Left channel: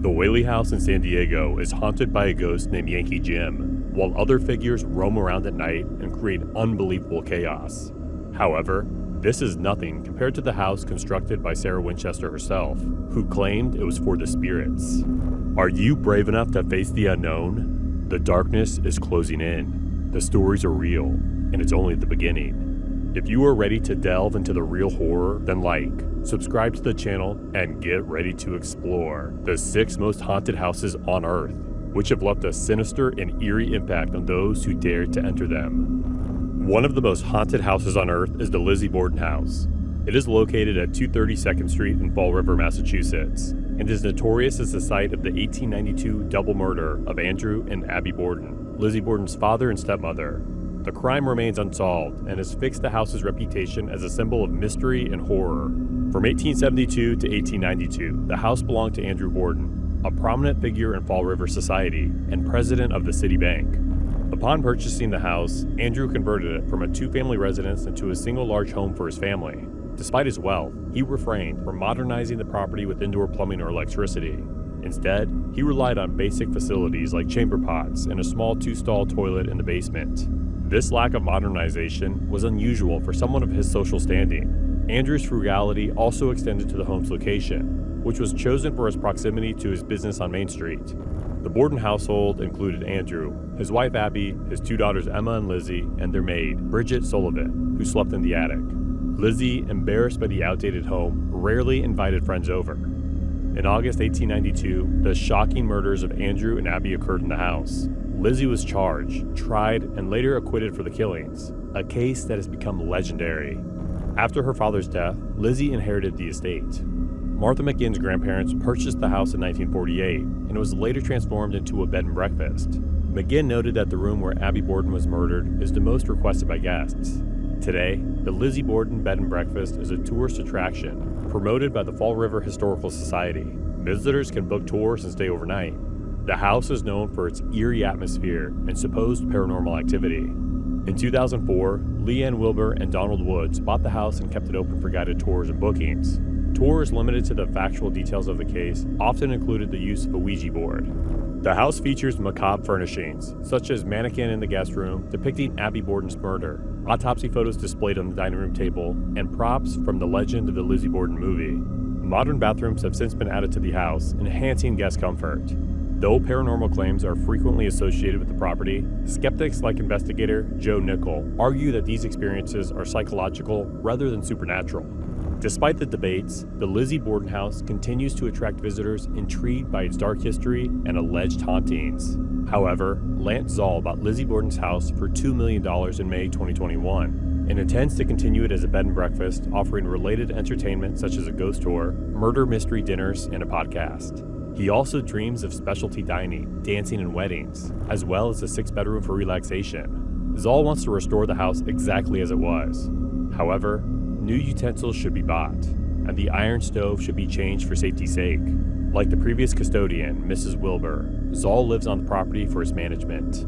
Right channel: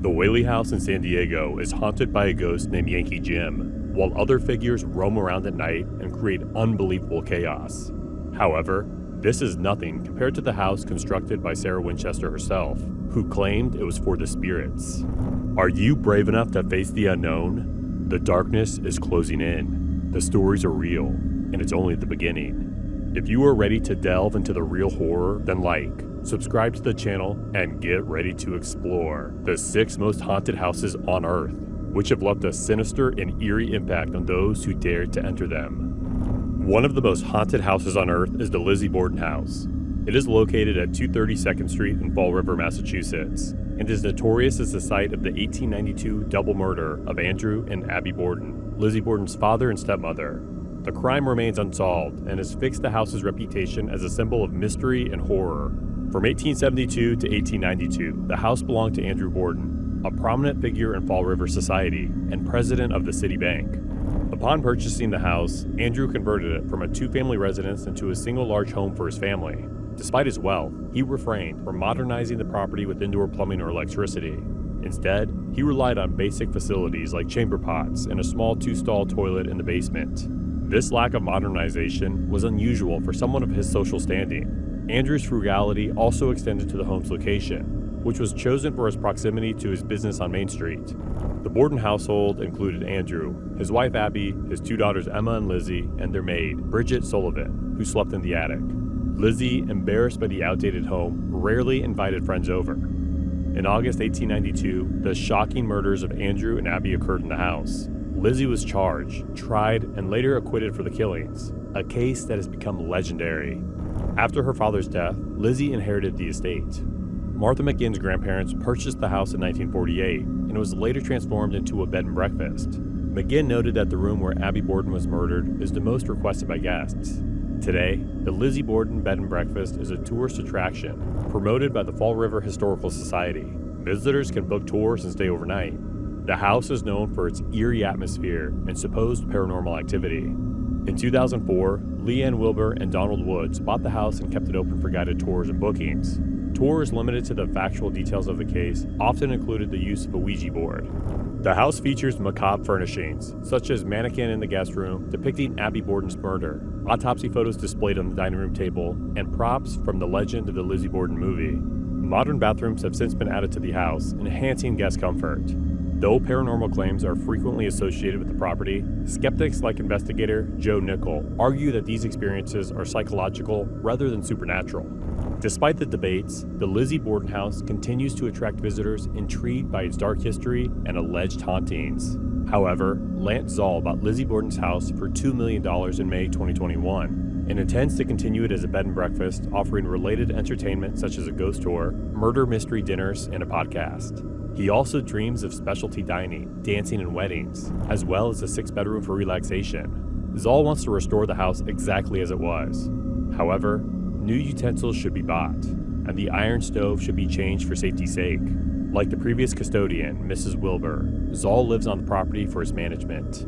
The Whaley House in San Diego is haunted by a ghost named Yankee Jim, while other figures roam around at night and create unbelievable chaos. However, this is nothing compared to the house constructed by Sarah Winchester herself, who claimed it was for the spirits. Are you brave enough to face the unknown? The darkness is closing in. The stories are real, and it's only the beginning. If you are ready to delve into the real horror, then subscribe to the channel, and get ready to explore the 6 most haunted houses on Earth, which have left a sinister and eerie impact on those who dared to enter them. One of the most haunted houses on Earth is the Lizzie Borden House. It is located at 230 2nd Street in Fall River, Massachusetts, and is notorious as the site of the 1892 double murder of Andrew and Abby Borden, Lizzie Borden's father and stepmother. The crime remains unsolved and has fixed the house's reputation as a symbol of mystery and horror. From 1872 to 1892, the house belonged to Andrew Borden, a prominent figure in Fall River society and president of the city bank. Upon purchasing the house, Andrew converted it from a 2-family residence into a single large home for his family. Despite his wealth, he refrained from modernizing the property with indoor plumbing or electricity. Instead, he relied on basic facilities like chamber pots and a small 2-stall toilet in the basement. This lack of modernization was unusual for someone of his social standing. Andrew's frugality also extended to the home's location, which was chosen for its proximity to his business on Main Street. The Borden household included Andrew, his wife Abby, his 2 daughters Emma and Lizzie, and their maid, Bridget Sullivan, who slept in the attic. Lizzie, embarrassed by the outdated home, rarely invited friends over. In August 1892, the shocking murders of Andrew and Abby occurred in the house. Lizzie was charged, tried, and later acquitted for the killings, a case that has become legendary. After her father's death, Lizzie inherited the estate. Martha McGinn's grandparents purchased the house in 1948, and it was later transformed into a bed and breakfast. McGinn noted that the room where Abby Borden was murdered is the most requested by guests. Today, the Lizzie Borden Bed and Breakfast is a tourist attraction promoted by the Fall River Historical Society. Visitors can book tours and stay overnight. The house is known for its eerie atmosphere and supposed paranormal activity. In 2004, Leanne Wilbur and Donald Woods bought the house and kept it open for guided tours and bookings. Tours limited to the factual details of the case often included the use of a Ouija board. The house features macabre furnishings, such as mannequin in the guest room depicting Abby Borden's murder, autopsy photos displayed on the dining room table, and props from the Legend of the Lizzie Borden movie. Modern bathrooms have since been added to the house, enhancing guest comfort. Though paranormal claims are frequently associated with the property, skeptics like investigator Joe Nickel argue that these experiences are psychological rather than supernatural. Despite the debates, the Lizzie Borden House continues to attract visitors intrigued by its dark history and alleged hauntings. However, Lance Zoll bought Lizzie Borden's house for $2 million in May 2021 and intends to continue it as a bed and breakfast, offering related entertainment such as a ghost tour, murder mystery dinners, and a podcast. He also dreams of specialty dining, dancing, and weddings, as well as a 6-bedroom for relaxation. Zoll wants to restore the house exactly as it was. However, new utensils should be bought, and the iron stove should be changed for safety's sake. Like the previous custodian, Mrs. Wilbur, Zoll lives on the property for its management.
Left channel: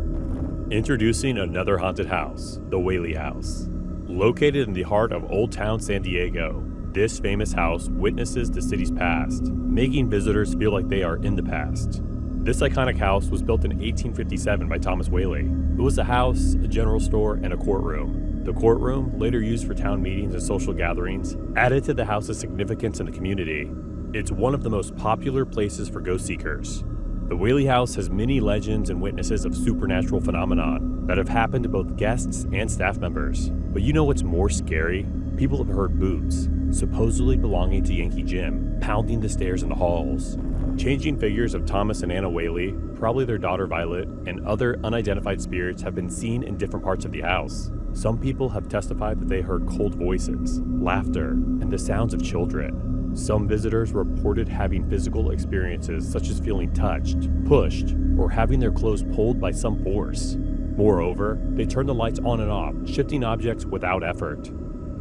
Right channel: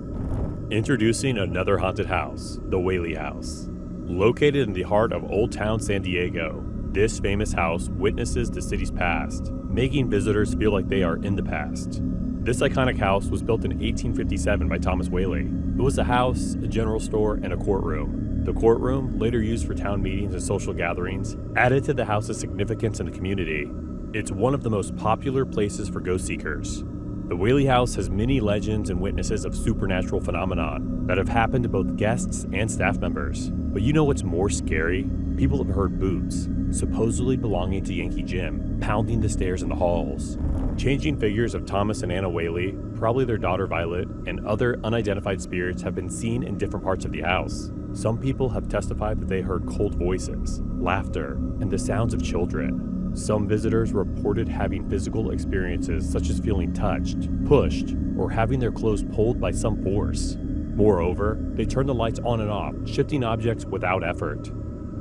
Introducing another haunted house, the Whaley House. Located in the heart of Old Town San Diego, this famous house witnesses the city's past, making visitors feel like they are in the past. This iconic house was built in 1857 by Thomas Whaley. It was a house, a general store, and a courtroom. The courtroom, later used for town meetings and social gatherings, added to the house's significance in the community. It's one of the most popular places for ghost seekers. The Whaley House has many legends and witnesses of supernatural phenomenon that have happened to both guests and staff members. But you know what's more scary? People have heard boots, supposedly belonging to Yankee Jim, pounding the stairs in the halls. Changing figures of Thomas and Anna Whaley, probably their daughter Violet, and other unidentified spirits have been seen in different parts of the house. Some people have testified that they heard cold voices, laughter, and the sounds of children. Some visitors reported having physical experiences such as feeling touched, pushed, or having their clothes pulled by some force. Moreover, they turn the lights on and off, shifting objects without effort.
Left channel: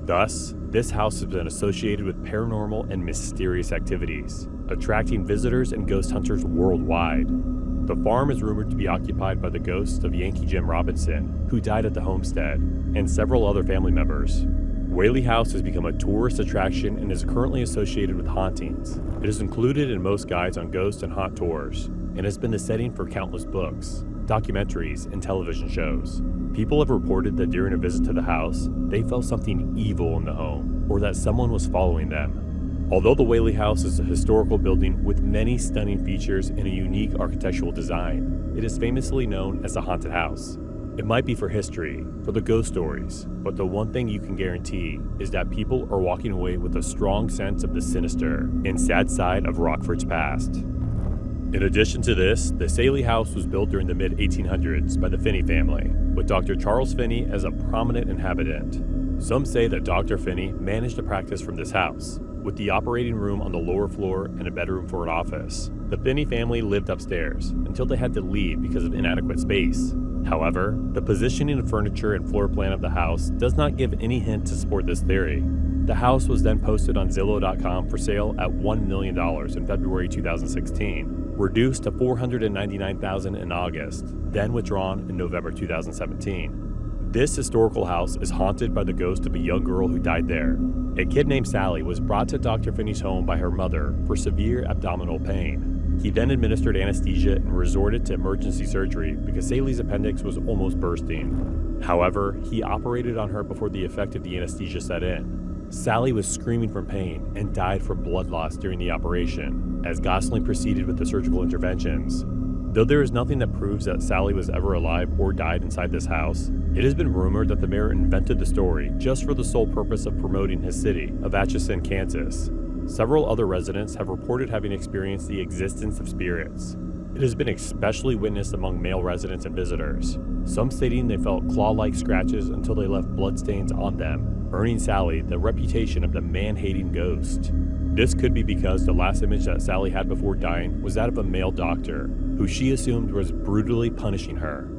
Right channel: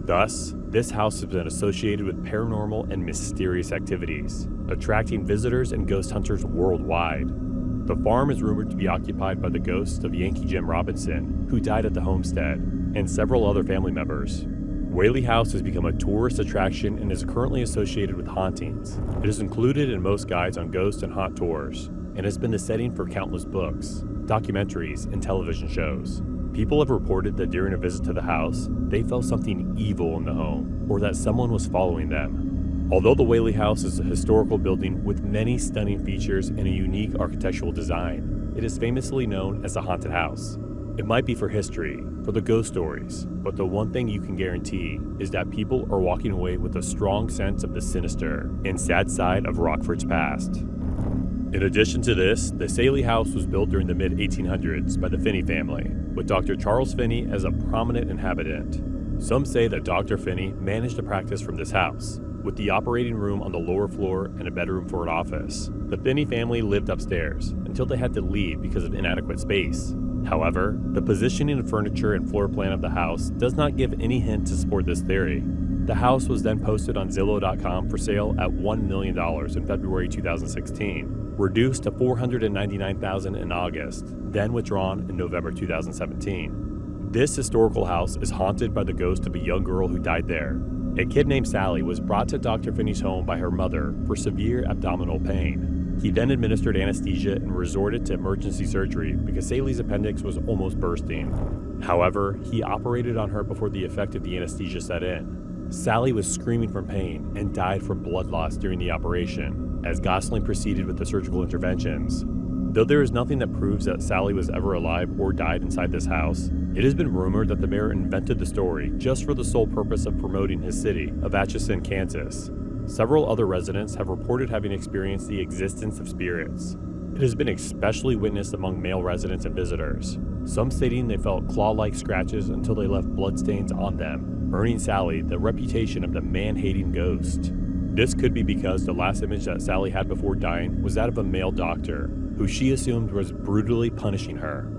Thus, this house has been associated with paranormal and mysterious activities, attracting visitors and ghost hunters worldwide. The farm is rumored to be occupied by the ghost of Yankee Jim Robinson, who died at the homestead, and several other family members. Whaley House has become a tourist attraction and is currently associated with hauntings. It is included in most guides on ghost and haunt tours, and has been the setting for countless books, documentaries, and television shows. People have reported that during a visit to the house, they felt something evil in the home, or that someone was following them. Although the Whaley House is a historical building with many stunning features and a unique architectural design, it is famously known as a haunted house. It might be for history, for the ghost stories, but the one thing you can guarantee is that people are walking away with a strong sense of the sinister and sad side of Rockford's past. In addition to this, the Sallie House was built during the mid-1800s by the Finney family, with Dr. Charles Finney as a prominent inhabitant. Some say that Dr. Finney managed to practice from this house, with the operating room on the lower floor and a bedroom for an office. The Finney family lived upstairs until they had to leave because of inadequate space. However, the positioning of furniture and floor plan of the house does not give any hint to support this theory. The house was then posted on Zillow.com for sale at $1 million in February 2016, reduced to $499,000 in August, then withdrawn in November 2017. This historical house is haunted by the ghost of a young girl who died there. A kid named Sallie was brought to Dr. Finney's home by her mother for severe abdominal pain. He then administered anesthesia and resorted to emergency surgery because Sallie's appendix was almost bursting. However, he operated on her before the effect of the anesthesia set in. Sallie was screaming from pain and died from blood loss during the operation, as Gosling proceeded with the surgical interventions. Though there is nothing that proves that Sallie was ever alive or died inside this house, it has been rumored that the mayor invented the story just for the sole purpose of promoting his city of Atchison, Kansas. Several other residents have reported having experienced the existence of spirits. It has been especially witnessed among male residents and visitors, some stating they felt claw-like scratches until they left bloodstains on them, earning Sallie the reputation of the man-hating ghost. This could be because the last image that Sallie had before dying was that of a male doctor, who she assumed was brutally punishing her.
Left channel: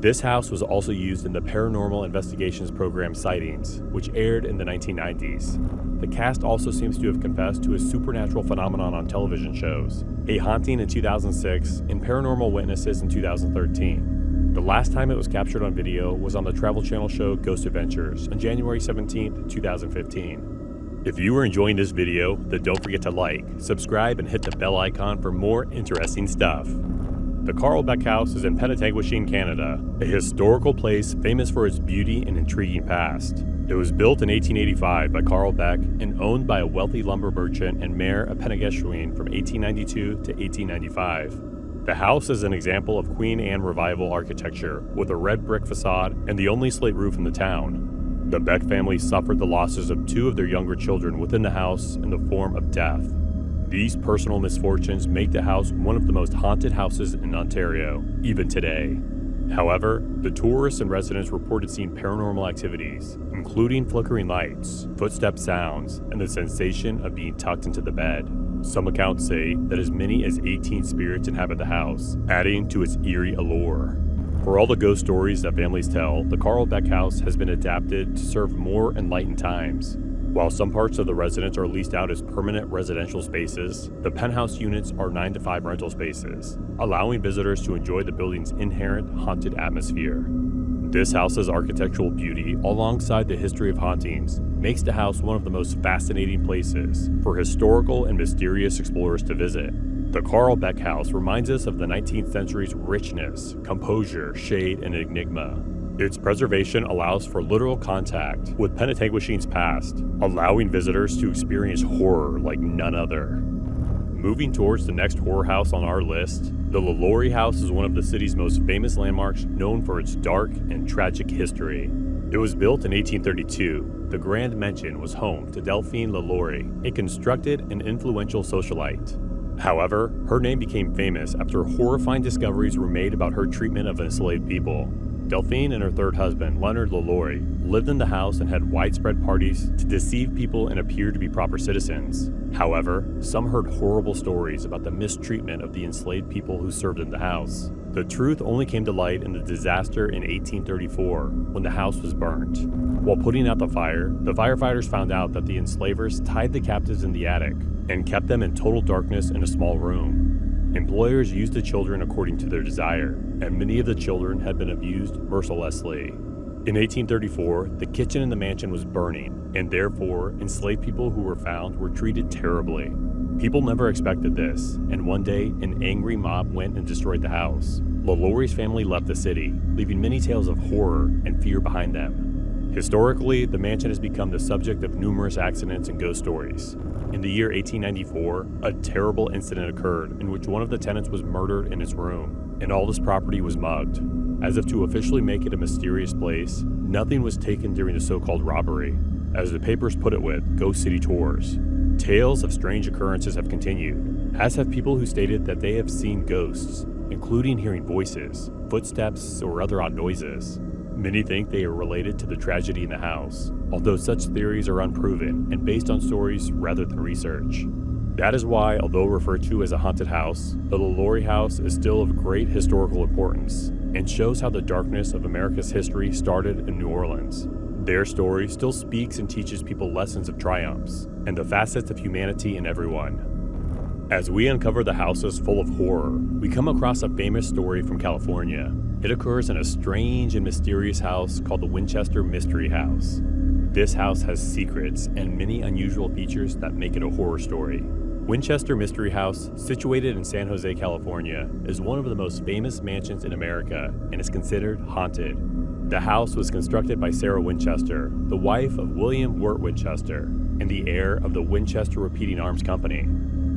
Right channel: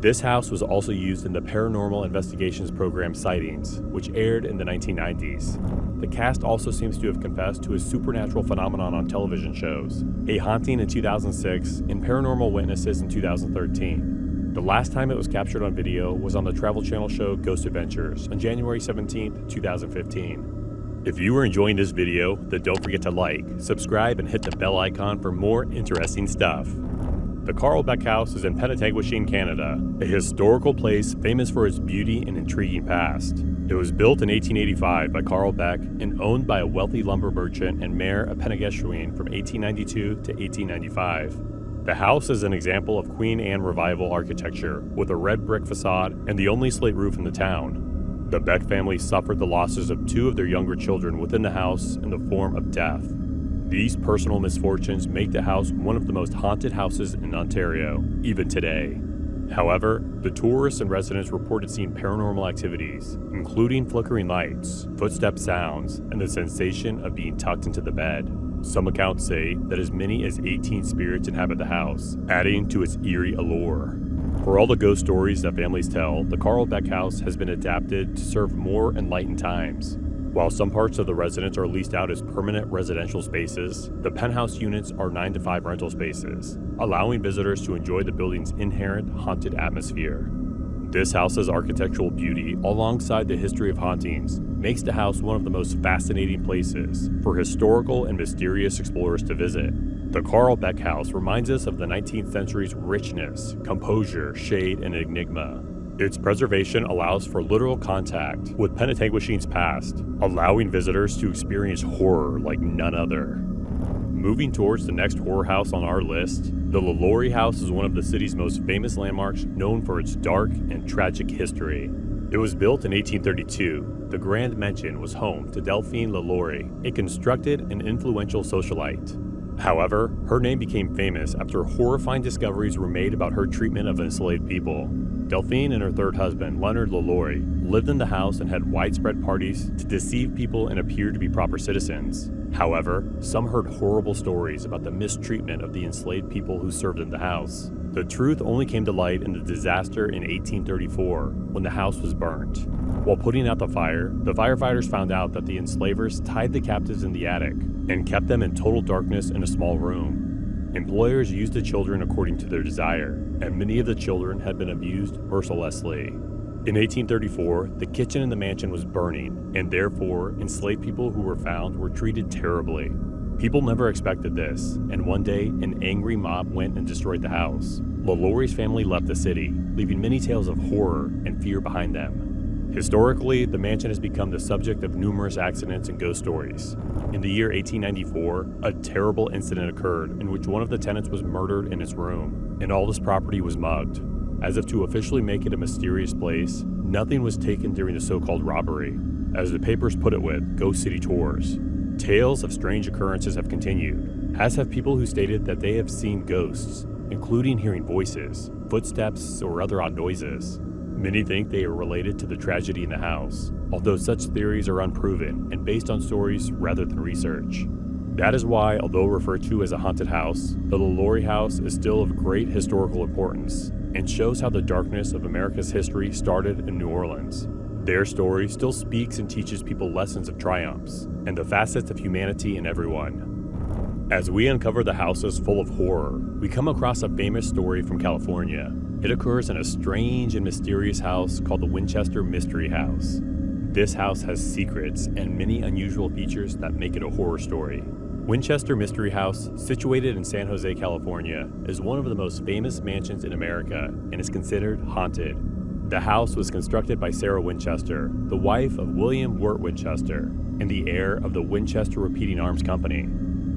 This house was also used in the Paranormal Investigations program Sightings, which aired in the 1990s. The cast also seems to have confessed to a supernatural phenomenon on television shows, a haunting in 2006 and paranormal witnesses in 2013. The last time it was captured on video was on the Travel Channel show Ghost Adventures on January 17, 2015. If you are enjoying this video, then don't forget to like, subscribe, and hit the bell icon for more interesting stuff. The Carl Beck House is in Penetanguishene, Canada, a historical place famous for its beauty and intriguing past. It was built in 1885 by Carl Beck and owned by a wealthy lumber merchant and mayor of Penetanguishene from 1892 to 1895. The house is an example of Queen Anne Revival architecture with a red brick facade and the only slate roof in the town. The Beck family suffered the losses of two of their younger children within the house in the form of death. These personal misfortunes make the house one of the most haunted houses in Ontario, even today. However, the tourists and residents reported seeing paranormal activities, including flickering lights, footstep sounds, and the sensation of being tucked into the bed. Some accounts say that as many as 18 spirits inhabit the house, adding to its eerie allure. For all the ghost stories that families tell, the Carl Beck House has been adapted to serve more enlightened times. While some parts of the residence are leased out as permanent residential spaces, the penthouse units are 9 to 5 rental spaces, allowing visitors to enjoy the building's inherent haunted atmosphere. This house's architectural beauty, alongside the history of hauntings, makes the house one of the most fascinating places for historical and mysterious explorers to visit. The Carl Beck House reminds us of the 19th century's richness, composure, shade, and enigma. Its preservation allows for literal contact with Penetanguishene's past, allowing visitors to experience horror like none other. Moving towards the next horror house on our list, the Lalaurie House is one of the city's most famous landmarks, known for its dark and tragic history. It was built in 1832. The Grand Mansion was home to Delphine Lalaurie, a constructed and influential socialite. However, her name became famous after horrifying discoveries were made about her treatment of enslaved people. Delphine and her third husband, Leonard Lalaurie, lived in the house and had widespread parties to deceive people and appear to be proper citizens. However, some heard horrible stories about the mistreatment of the enslaved people who served in the house. The truth only came to light in the disaster in 1834 when the house was burnt. While putting out the fire, the firefighters found out that the enslavers tied the captives in the attic and kept them in total darkness in a small room. Employers used the children according to their desire, and many of the children had been abused mercilessly. In 1834, the kitchen in the mansion was burning, and therefore, enslaved people who were found were treated terribly. People never expected this, and one day, an angry mob went and destroyed the house. Lalaurie's family left the city, leaving many tales of horror and fear behind them. Historically, the mansion has become the subject of numerous accidents and ghost stories. In the year 1894, a terrible incident occurred in which one of the tenants was murdered in his room, and all his property was mugged. As if to officially make it a mysterious place, nothing was taken during the so-called robbery, as the papers put it with Ghost City tours. Tales of strange occurrences have continued, as have people who stated that they have seen ghosts, including hearing voices, footsteps, or other odd noises. Many think they are related to the tragedy in the house, although such theories are unproven and based on stories rather than research. That is why, although referred to as a haunted house, the Lalaurie House is still of great historical importance and shows how the darkness of America's history started in New Orleans. Their story still speaks and teaches people lessons of triumphs and the facets of humanity in everyone. As we uncover the houses full of horror, we come across a famous story from California. It occurs in a strange and mysterious house called the Winchester Mystery House. This house has secrets and many unusual features that make it a horror story. Winchester Mystery House, situated in San Jose, California, is one of the most famous mansions in America and is considered haunted. The house was constructed by Sarah Winchester, the wife of William Wirt Winchester, and the heir of the Winchester Repeating Arms Company.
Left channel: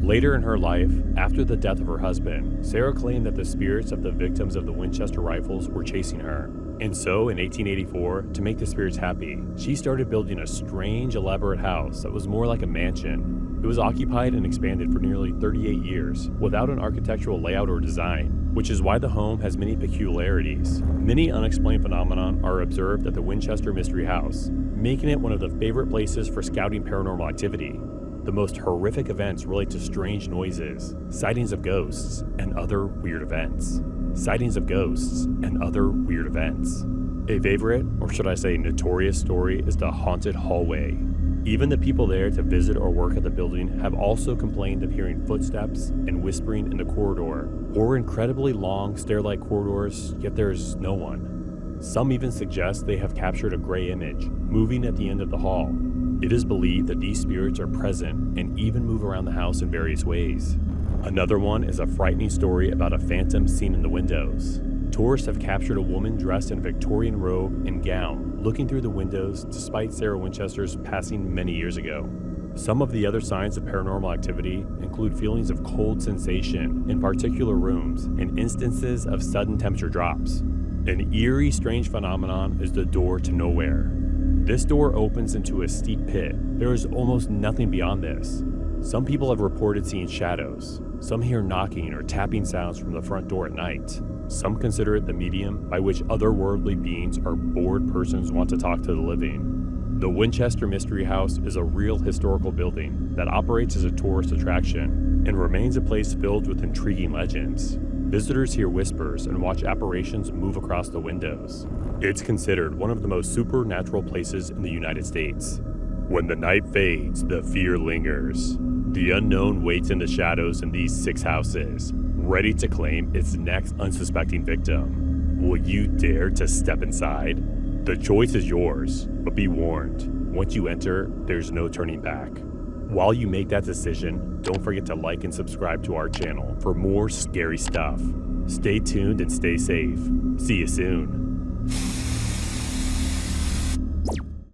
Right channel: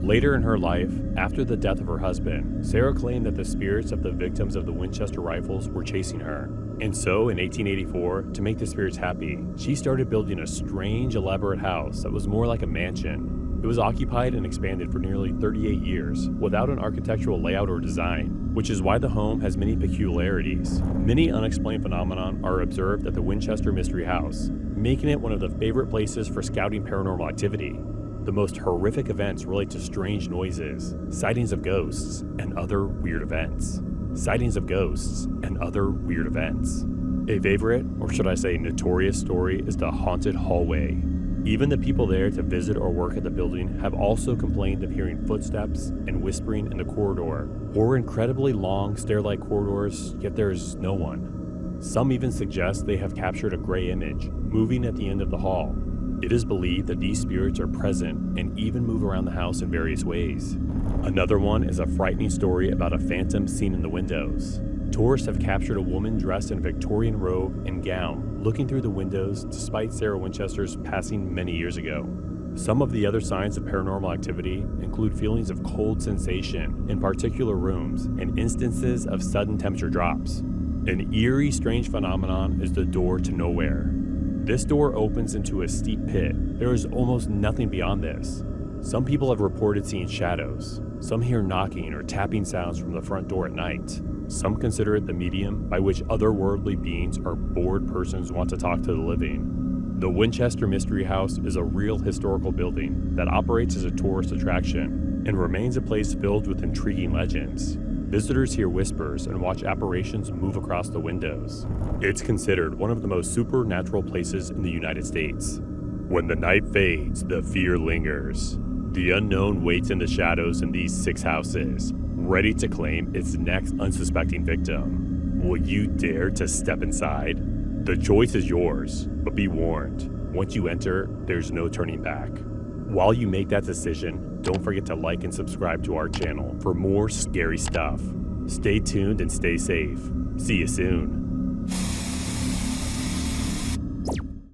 Later in her life, after the death of her husband, Sarah claimed that the spirits of the victims of the Winchester rifles were chasing her. And so, in 1884, to make the spirits happy, she started building a strange, elaborate house that was more like a mansion. It was occupied and expanded for nearly 38 years, without an architectural layout or design, which is why the home has many peculiarities. Many unexplained phenomena are observed at the Winchester Mystery House, making it one of the favorite places for scouting paranormal activity. The most horrific events relate to strange noises, sightings of ghosts, and other weird events. Sightings of ghosts and other weird events. A favorite, or should I say notorious story, is the haunted hallway. Even the people there to visit or work at the building have also complained of hearing footsteps and whispering in the corridor, or incredibly long stair-like corridors, yet there is no one. Some even suggest they have captured a gray image, moving at the end of the hall. It is believed that these spirits are present and even move around the house in various ways. Another one is a frightening story about a phantom seen in the windows. Tourists have captured a woman dressed in a Victorian robe and gown looking through the windows despite Sarah Winchester's passing many years ago. Some of the other signs of paranormal activity include feelings of cold sensation in particular rooms and instances of sudden temperature drops. An eerie, strange phenomenon is the door to nowhere. This door opens into a steep pit. There is almost nothing beyond this. Some people have reported seeing shadows. Some hear knocking or tapping sounds from the front door at night. Some consider it the medium by which otherworldly beings or bored persons want to talk to the living. The Winchester Mystery House is a real historical building that operates as a tourist attraction and remains a place filled with intriguing legends. Visitors hear whispers and watch apparitions move across the windows. It's considered one of the most supernatural places in the United States. When the night fades, the fear lingers. The unknown waits in the shadows in these 6 houses, ready to claim its next unsuspecting victim. Will you dare to step inside? The choice is yours, but be warned, once you enter, there's no turning back. While you make that decision, don't forget to like and subscribe to our channel for more scary stuff. Stay tuned and stay safe. See you soon.